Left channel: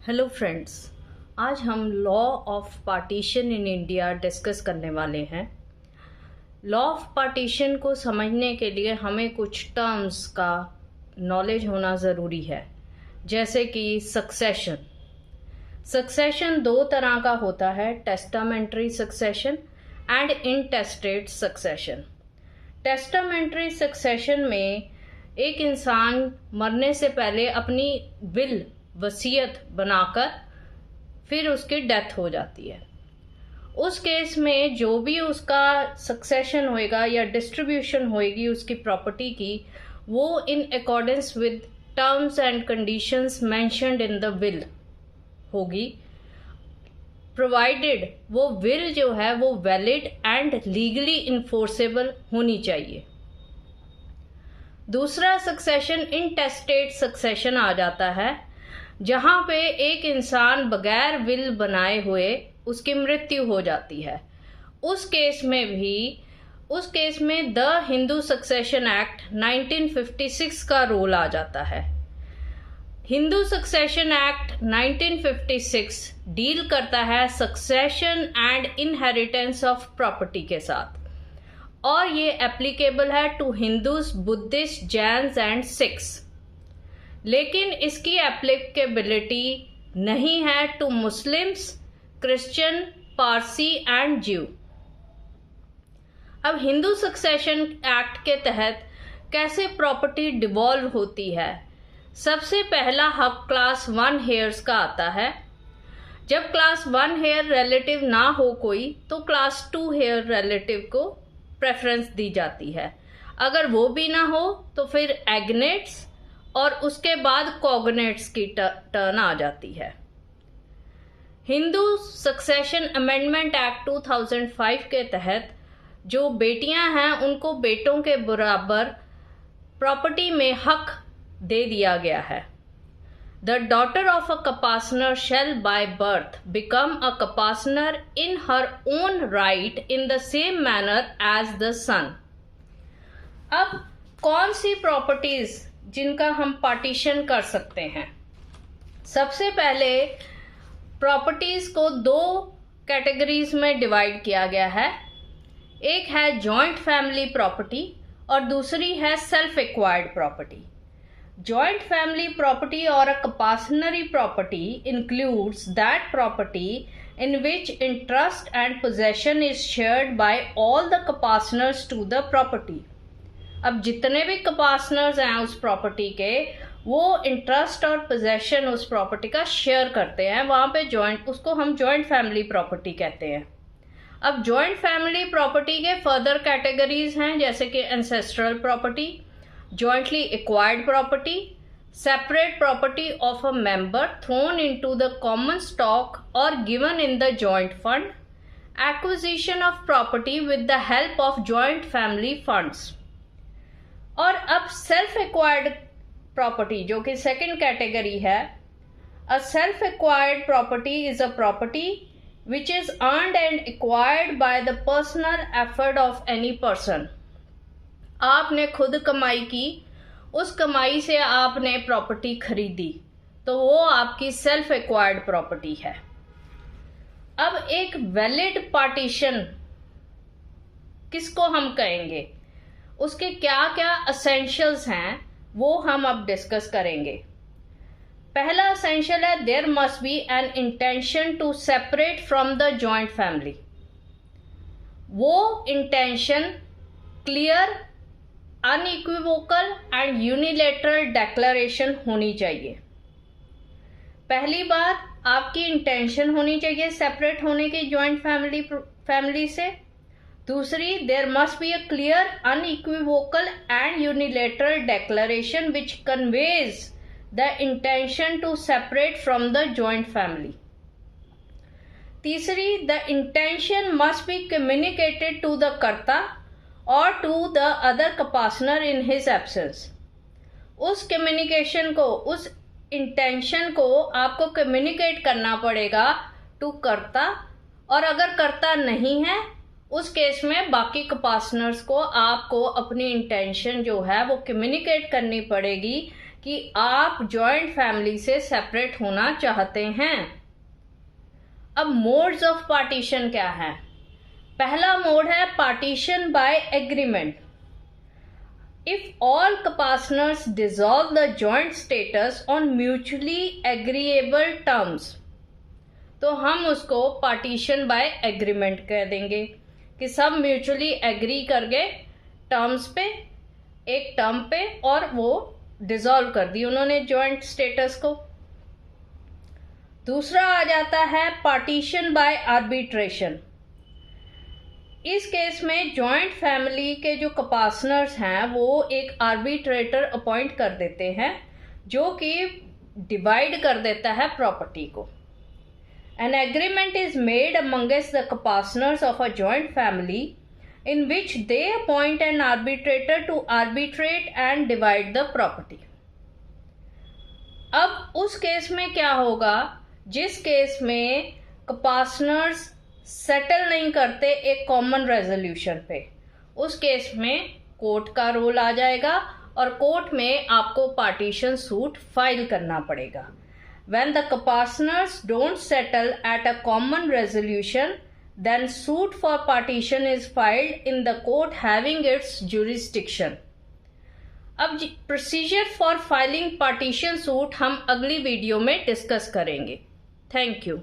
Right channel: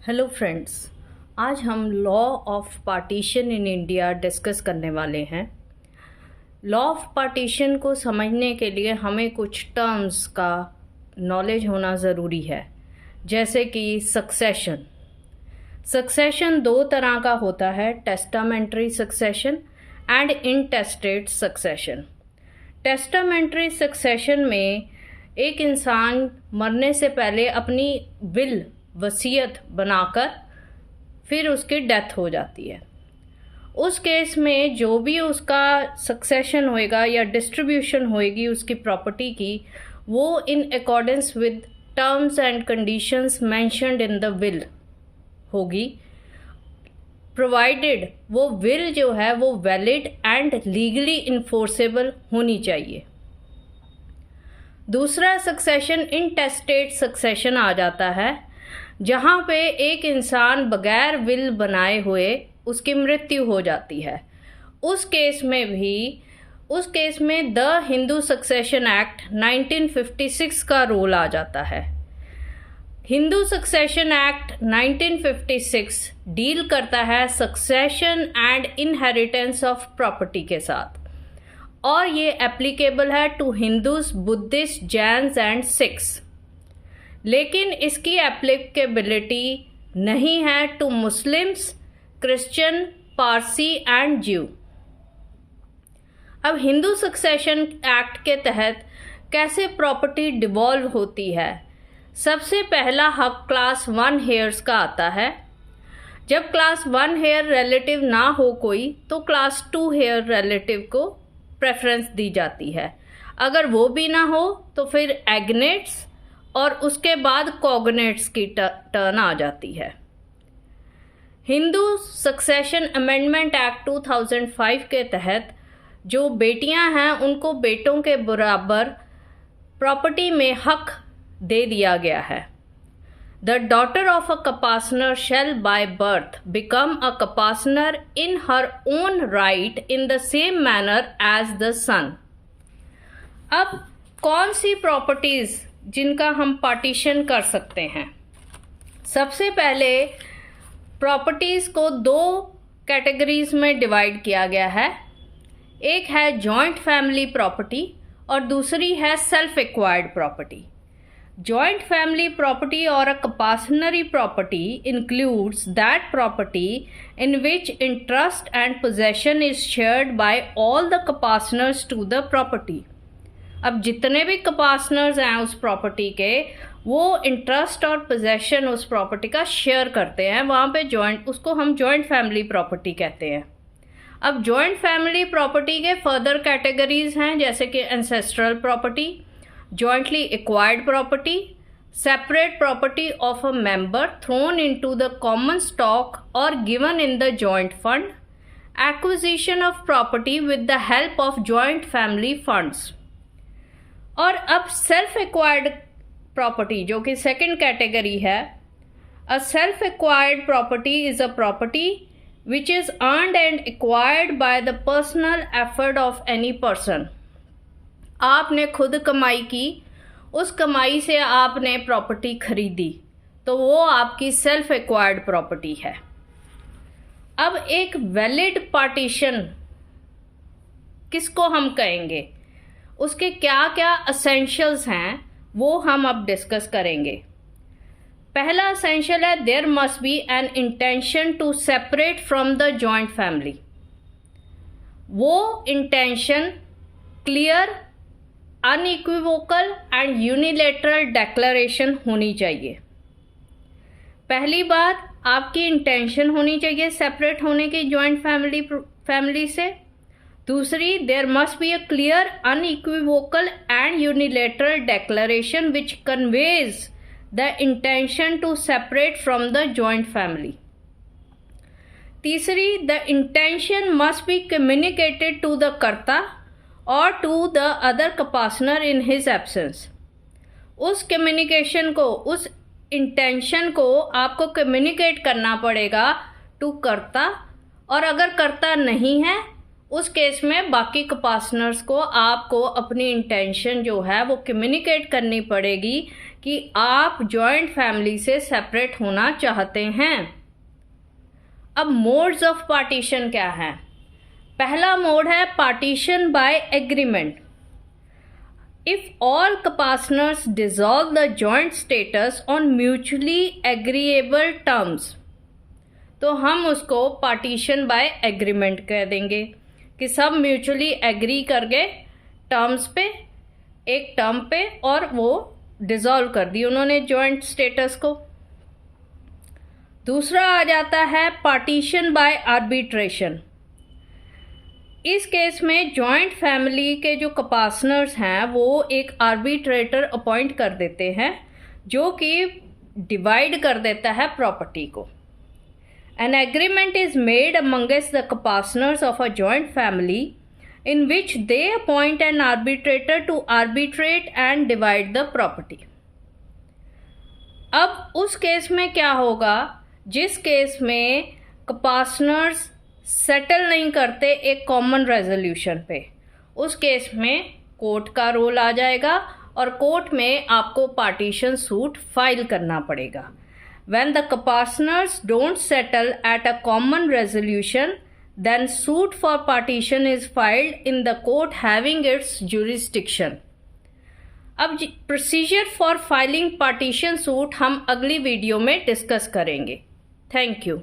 Hello friends, आज हम law of partition in India discuss करने वाले हैं। लॉ ऑफ पार्टीशन को समझने के लिए हमें कुछ टर्म्स का नॉलेज होना ज़रूरी है, जैसे कि सक्सेशन। सक्सेशन दो तरह का होता है, testamentary succession and intestate succession. Testamentary succession में एक इंसान मरने से पहले अपनी विल वसीयत बनाकर फिर उसकी डेथ हो जाती है। उस केस में जो भी उसका सक्सेशन होएगा या डिस्ट्रीब्यूशन होएगी उसकी प्रॉपर्टी की, वो in accordance with terms and conditions mentioned in the will होगी, प्रोवाइडेड वो विल जो है वो वैलिड एंड लीगली इन्फोर्सेबल होनी चाहिए। दूसरा सक्सेशन इंटेस्टेट सक्सेशन आ जाता है, जहां पे एक इंसान बगैर विल बनाए हुए उसकी मृत्यु हो जाती है। उस केस में द हिंदू सक्सेशन एक्ट 1956 का रोल आ जाता है। हिंदू सक्सेशन एक्ट 1956 डील करता है succession and inheritance of property के साथ, और ये एप्लीकेबल है to Hindus, Buddhist, Jains and Sikhs. लेकिन इसकी एप्लीकेबिलिटी नहीं है to Muslims, Christian, Parsi and Jew. अब हिंदू सक्सेशन एक्ट के तहत कैसे प्रॉपर्टी डिवॉल्व होती है? सबसे पहला हक क्लास 1 हेयर्स का आता है। जब क्लास 1 हेयर रिलेटिव ना हो कोई, तो क्लास 2 हेयर रिलेटिव को प्रेफरेंस दी जाती है। अगर वो भी ना हो तो फिर एग्नेट्स और उसके बाद कॉग्नेट्स की टर्न आ जाती है। हिंदू सक्सेशन अमेंडमेंट एक्ट 2005 के तहत जो बेटियां हैं उनको बेटों के बराबर प्रॉपर्टी में हक दे दिया गया है। The daughter of a coparcener shall by birth become a coparcener in her own right in the same manner as the son. अब कौन सी प्रॉपर्टीज जिनका हम पार्टीशन कर सकते हैं? सबसे पहले प्रॉपर्टीज को दो कैटेगरीज में डिवाइड किया गया है। एक है जॉइंट फैमिली प्रॉपर्टी और दूसरी है self acquired property. Joint family property और a coparcenary property includes that property in which interest and possession is shared by all the compassners to the property। अब जितने भी कंपासनर्स हैं उस प्रॉपर्टी के, वो इंटरेस्ट और पोजेशन उस प्रॉपर्टी का शेयर करते हैं। वहां पे उसको हम जॉइंट फैमिली प्रॉपर्टी कहते हैं। अब जॉइंट फैमिली प्रॉपर्टी के फर्दर कैटेगरीज हैं, जैसे कि ancestral property, jointly acquired property, separate property of a member thrown into the common stock और given in the joint fund, acquisition of property with the help of joint family funds. और अब self acquired property जो कि second category है। A self acquired property is a property which is earned and acquired by the personal effort of any person. आपने खुद कमाई की, उस कमाई से आपने प्रॉपर्टी खरीदी, तो वो आपकी सेल्फ एक्वायर्ड प्रॉपर्टी है। अब एक वैलिड पार्टीशन किसको हम कहेंगे, उसके क्या क्या एसेंशियल्स हैं, वो हम अब डिस्कस करेंगे। पहला एसेंशियल है, there must be an intention to separate from the joint family. वो intention clear, unequivocal and unilateral declaration होनी चाहिए। पहली बात, आपकी इंटेंशन होनी चाहिए सेपरेट होने की जॉइंट फैमिली से। दूसरी, there must be a clear, unequivocal and unilateral declaration which conveys the intention to separate from the joint family. तीसरी, the intention must be communicated to the karta और to the other coparcener in his absence. उस communication को, उस intention को आपको communicate करना पड़ेगा to कर्ता, और अगर कर्ता नहीं है उस केस में बाकी कंपासनर्स को आपको अपनी इंटेंशन जो है वो कम्युनिकेट करनी पड़ेगी कि आप जॉइंट फैमिली से सेपरेट होना चाहते हैं। अब मोड्स ऑफ पार्टीशन क्या है? पहला मोड है partition by agreement. If all copartners dissolve the joint status on mutually agreeable terms, तो हम उसको पार्टीशन बाय एग्रीमेंट कह देंगे कि सब म्यूचुअली एग्री कर गए टर्म्स पे, एक टर्म पे, और वो डिसॉल्व कर दी उन्होंने जॉइंट स्टेटस को। दूसरा आ जाता है पार्टीशन बाय आर्बिट्रेशन। इस केस में जॉइंट फैमिली के जो कपार्टनर्स हैं वो एक आर्बिट्रेटर अपॉइंट कर देते हैं जो कि डिवाइड कर देता है प्रॉपर्टी को। An agreement is made amongst the partners of a joint family in which they appoint an arbitrator to arbitrate and divide the property. अब उस केस में क्या होगा, जिस केस में पार्टनर्स सेटल नहीं करते एक कॉमन रेजोल्यूशन पे, उस केस में कोर्ट का रोल आ जाएगा और कोर्ट में आपको पार्टीशन सूट फाइल करना पड़ेगा। When the partners don't settle at a common resolution, then suit for partition is filed in the court having its jurisdiction. अब procedure for filing partition suit हम अगली video में discuss करेंगे। Thank you.